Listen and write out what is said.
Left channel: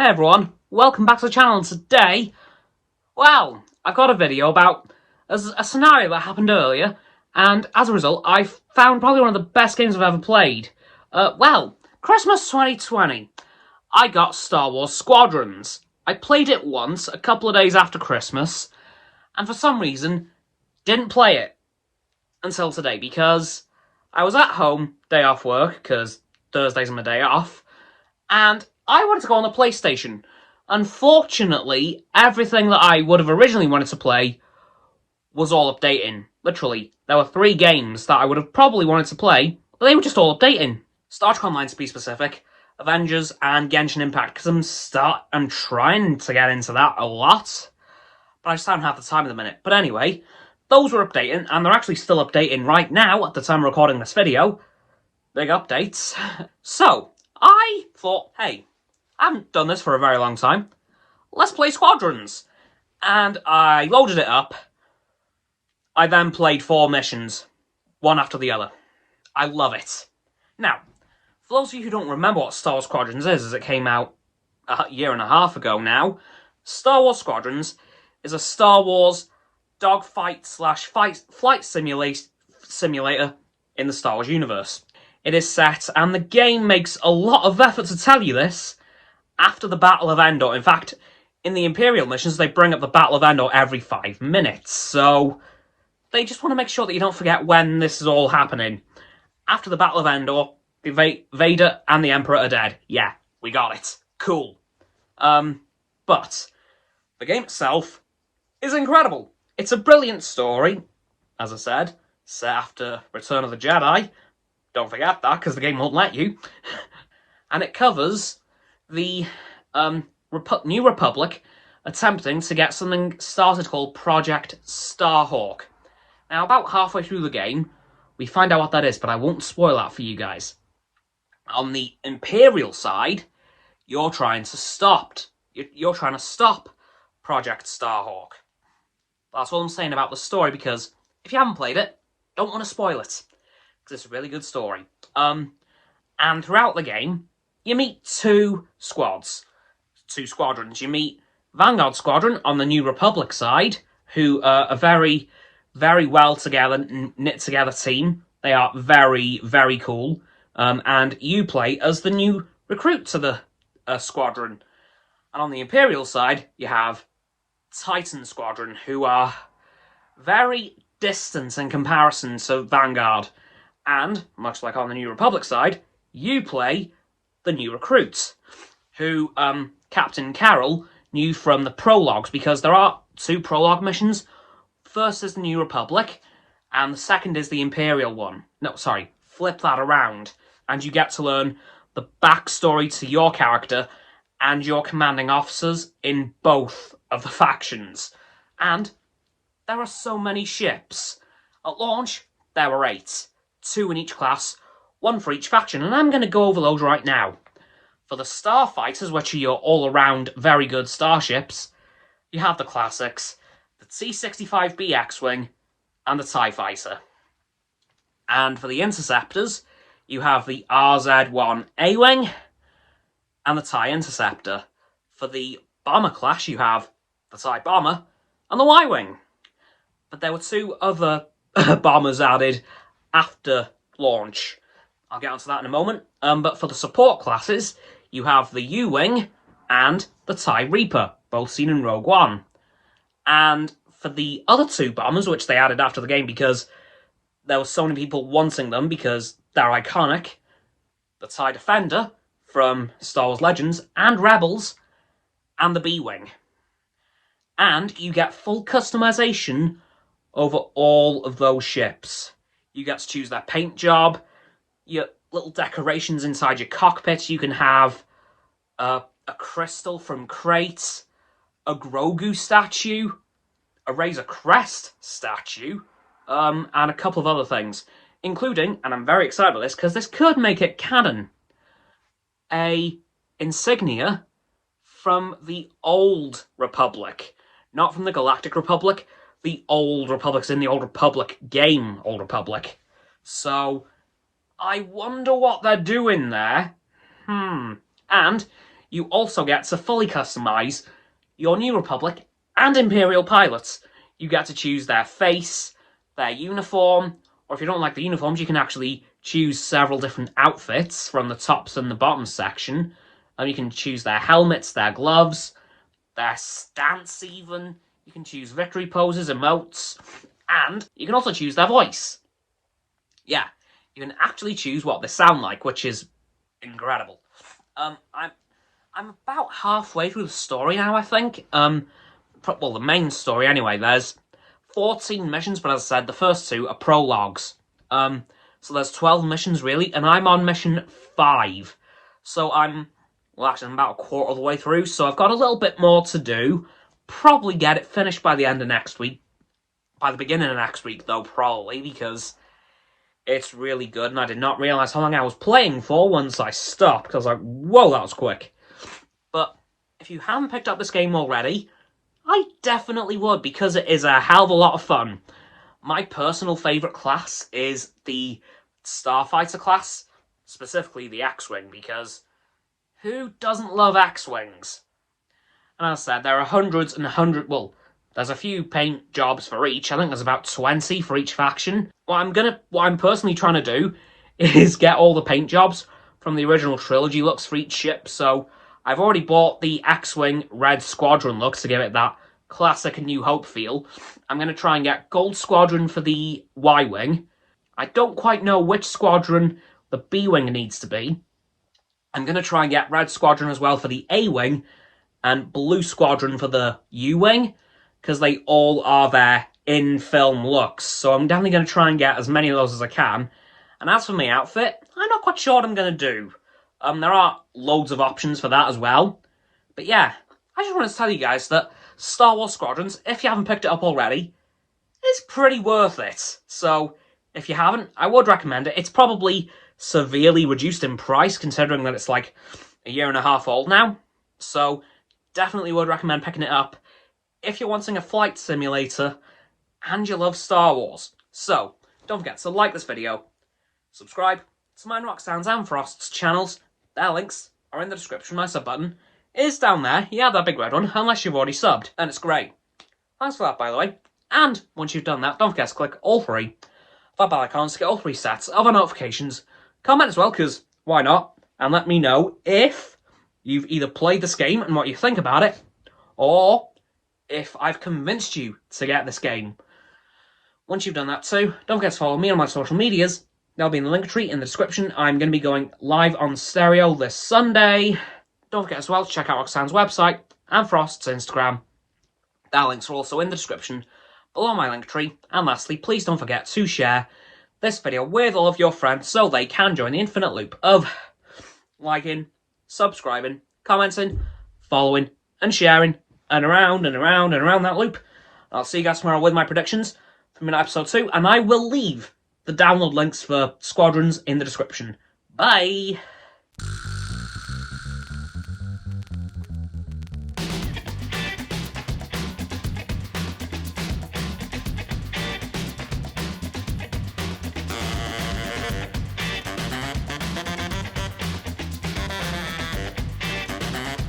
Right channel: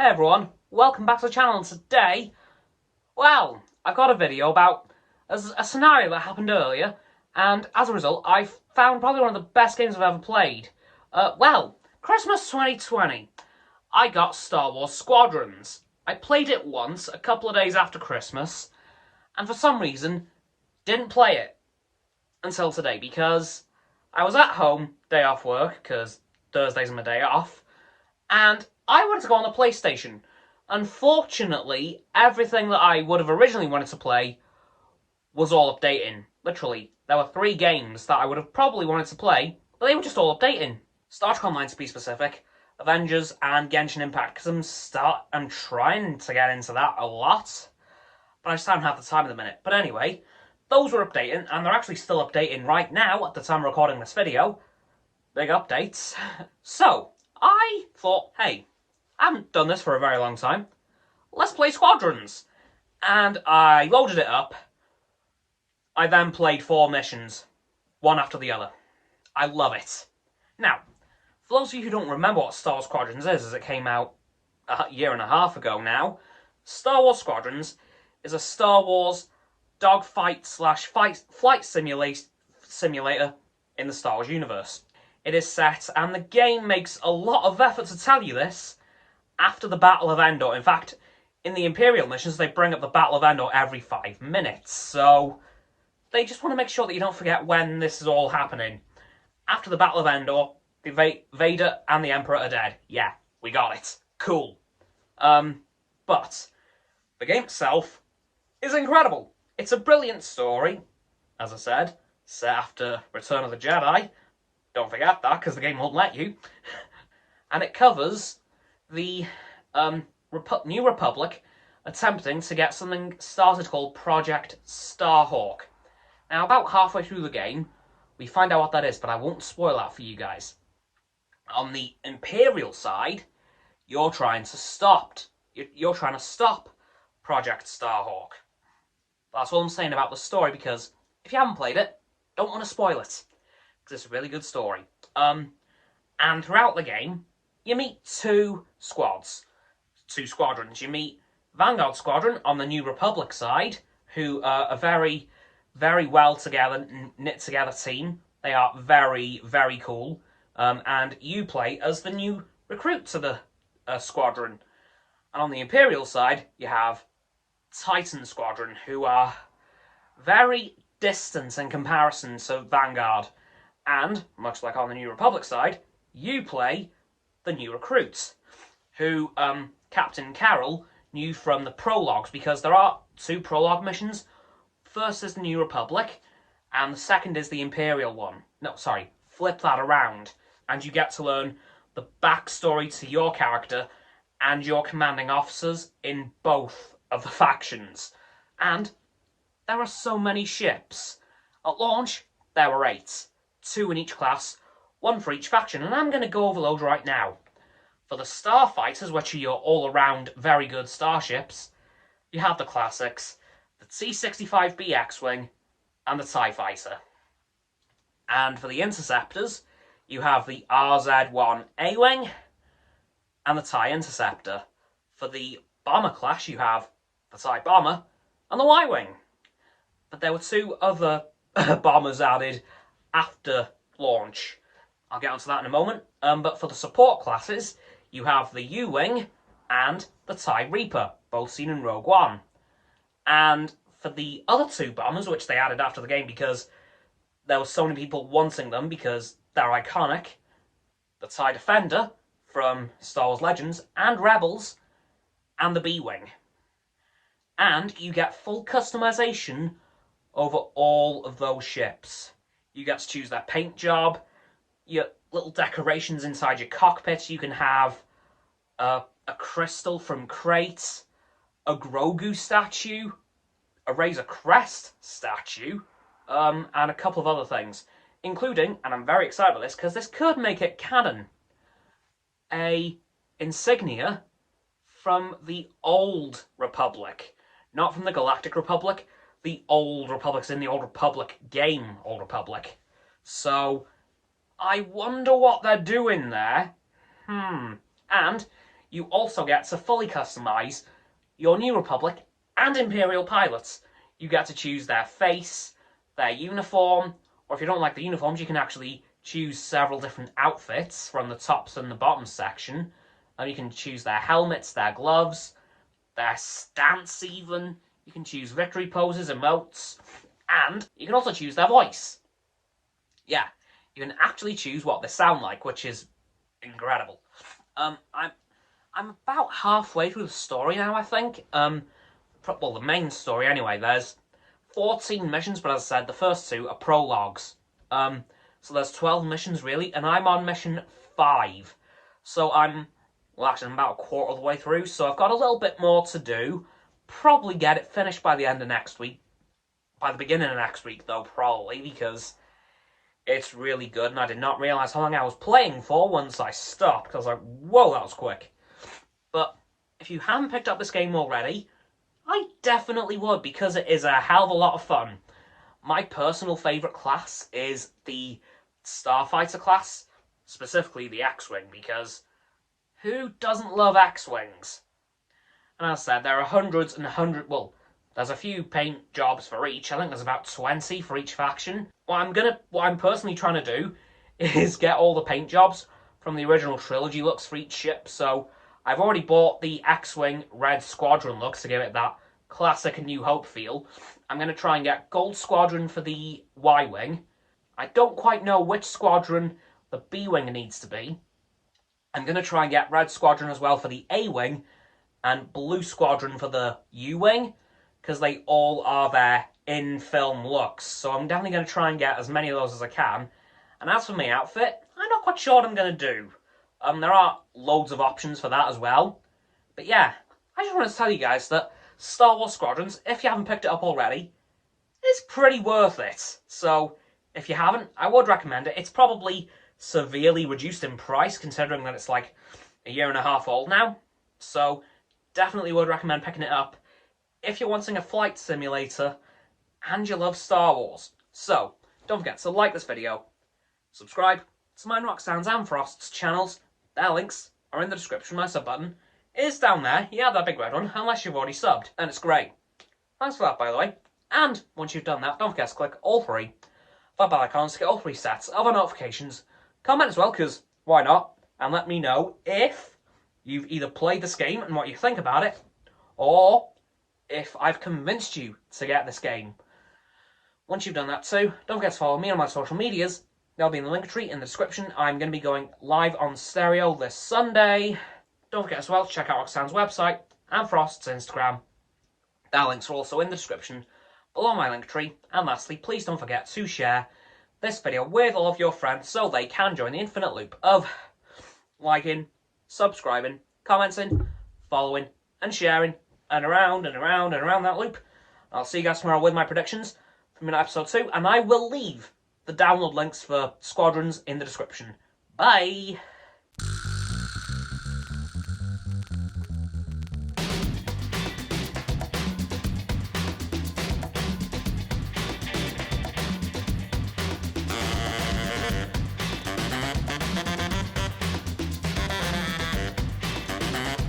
Hey everyone, welcome back to the channel. Today, well, I've got a video about a scenario that happened earlier, and as a result, I've found probably one of the best games I've ever played. Christmas 2020, I got Star Wars Squadrons. I played it once, a couple of days after Christmas, and for some reason, didn't play it until today, because I was at home, day off work, because Thursday's my day off, and I wanted to go on the PlayStation. Unfortunately, everything that I would have originally wanted to play was all updating. Literally, there were 3 games that I would have probably wanted to play, but they were just all updating. Star Trek Online, to be specific, Avengers, and Genshin Impact, because I'm trying to get into that a lot, but I just don't have the time at the minute. But anyway, those were updating, and they're actually still updating right now at the time of recording this video. Big updates. So, I thought, hey, I haven't done this for a very long time. Let's play Squadrons. And I loaded it up. I then played 4 missions, one after the other. I love it. Now, for those of you who don't remember what Star Wars Squadrons is, as it came out a year and a half ago now, Star Wars Squadrons is a Star Wars dogfight / flight simulator in the Star Wars universe. It is set, and the game makes a lot of effort to tell you this, after the Battle of Endor. In fact, in the Imperial missions, they bring up the Battle of Endor every 5 minutes, so they just want to make sure that you don't forget when this is all happening. After the Battle of Endor, Vader and the Emperor are dead. Yeah, we got it. Cool. But the game itself is incredible. It's a brilliant story, as I said, set after Return of the Jedi. Don't forget that, because the game won't let you. And it covers the New Republic attempting to get something started called Project Starhawk. Now, about halfway through the game, we find out what that is, but I won't spoil that for you guys. On the Imperial side, you're trying to stop Project Starhawk. That's all I'm saying about the story, because if you haven't played it, don't want to spoil it, because it's a really good story. And throughout the game, you meet 2 squadrons. You meet Vanguard Squadron on the New Republic side, who are a very, very well knit together team. They are very, very cool. And you play as the new recruit to the squadron. And on the Imperial side, you have Titan Squadron, who are very distant in comparison to Vanguard. And, much like on the New Republic side, you play the new recruits, who Captain Carroll knew from the prologues, because there are 2 prologue missions. First is the New Republic, and the second is the Imperial one. No, sorry, flip that around, and you get to learn the backstory to your character and your commanding officers in both of the factions. And there are so many ships. At launch, there were 8, 2 in each class, 1 for each faction, and I'm going to go over those right now. For the Starfighters, which are your all-around very good starships, you have the classics, the T-65B X-Wing, and the TIE Fighter. And for the Interceptors, you have the RZ-1 A-Wing, and the TIE Interceptor. For the Bomber class, you have the TIE Bomber, and the Y-Wing. But there were 2 other bombers added after launch. I'll get onto that in a moment. But for the support classes, you have the U-Wing and the TIE Reaper, both seen in Rogue One. And for the other 2 bombers, which they added after the game because there were so many people wanting them because they're iconic, the TIE Defender from Star Wars Legends and Rebels, and the B-Wing. And you get full customization over all of those ships. You get to choose their paint job, your little decorations inside your cockpit. You can have a crystal from crates, a Grogu statue, a Razor Crest statue, and a couple of other things, including, and I'm very excited about this because this could make it canon, a insignia from the Old Republic, not from the Galactic Republic. The Old Republic's in the Old Republic game, Old Republic. So I wonder what they're doing there. And you also get to fully customise your New Republic and Imperial pilots. You get to choose their face, their uniform, or if you don't like the uniforms, you can actually choose several different outfits from the tops and the bottom section. You can choose their helmets, their gloves, their stance even. You can choose victory poses, emotes, and you can also choose their voice. Yeah, you can actually choose what they sound like, which is incredible. I'm about halfway through the story now, I think. Well, the main story anyway. There's 14 missions, but as I said, the first 2 are prologues. So there's 12 missions really, and I'm on mission 5. So I'm about a quarter of the way through, so I've got a little bit more to do. Probably get it finished by the end of next week. By the beginning of next week, though, probably, because it's really good, and I did not realise how long I was playing for once I stopped, because I was like, whoa, that was quick. But if you haven't picked up this game already, I definitely would, because it is a hell of a lot of fun. My personal favourite class is the Starfighter class, specifically the X-Wing, because who doesn't love X-Wings? And as I said, there are hundreds and hundreds, well, there's a few paint jobs for each. I think there's about 20 for each faction. What I'm personally trying to do is get all the paint jobs from the original trilogy looks for each ship. So I've already bought the X-Wing red squadron looks to give it that classic and New Hope feel. I'm going to try and get gold squadron for the Y-Wing. I don't quite know which squadron the B-Wing needs to be. I'm going to try and get red squadron as well for the A-Wing and blue squadron for the U-Wing, because they all are their in-film looks. So I'm definitely going to try and get as many of those as I can. And as for my outfit, I'm not quite sure what I'm going to do. There are loads of options for that as well. But yeah, I just want to tell you guys that Star Wars Squadrons, if you haven't picked it up already, is pretty worth it. So if you haven't, I would recommend it. It's probably severely reduced in price, considering that it's like a year and a half old now. So definitely would recommend picking it up if you're wanting a flight simulator and you love Star Wars. So don't forget to like this video, subscribe to mine, Roxanne's and Frost's channels. Their links are in the description. My sub button is down there. Yeah, that big red one, unless you've already subbed, and it's great. Thanks for that, by the way. And once you've done that, don't forget to click all 3 that bell icons to get all 3 sets of our notifications. Comment as well, because why not? And let me know if you've either played this game and what you think about it, or if I've convinced you to get this game. Once you've done that too, don't forget to follow me on my social medias. They'll be in the link tree in the description. I'm going to be going live on Stereo this Sunday. Don't forget as well to check out Roxanne's website and Frost's Instagram. Their links are also in the description below my link tree. And lastly, please don't forget to share this video with all of your friends so they can join the infinite loop of liking, subscribing, commenting, following, and sharing, and around and around and around that loop. I'll see you guys tomorrow with my predictions from episode 2, and I will leave the download links for Squadrons in the description. Bye!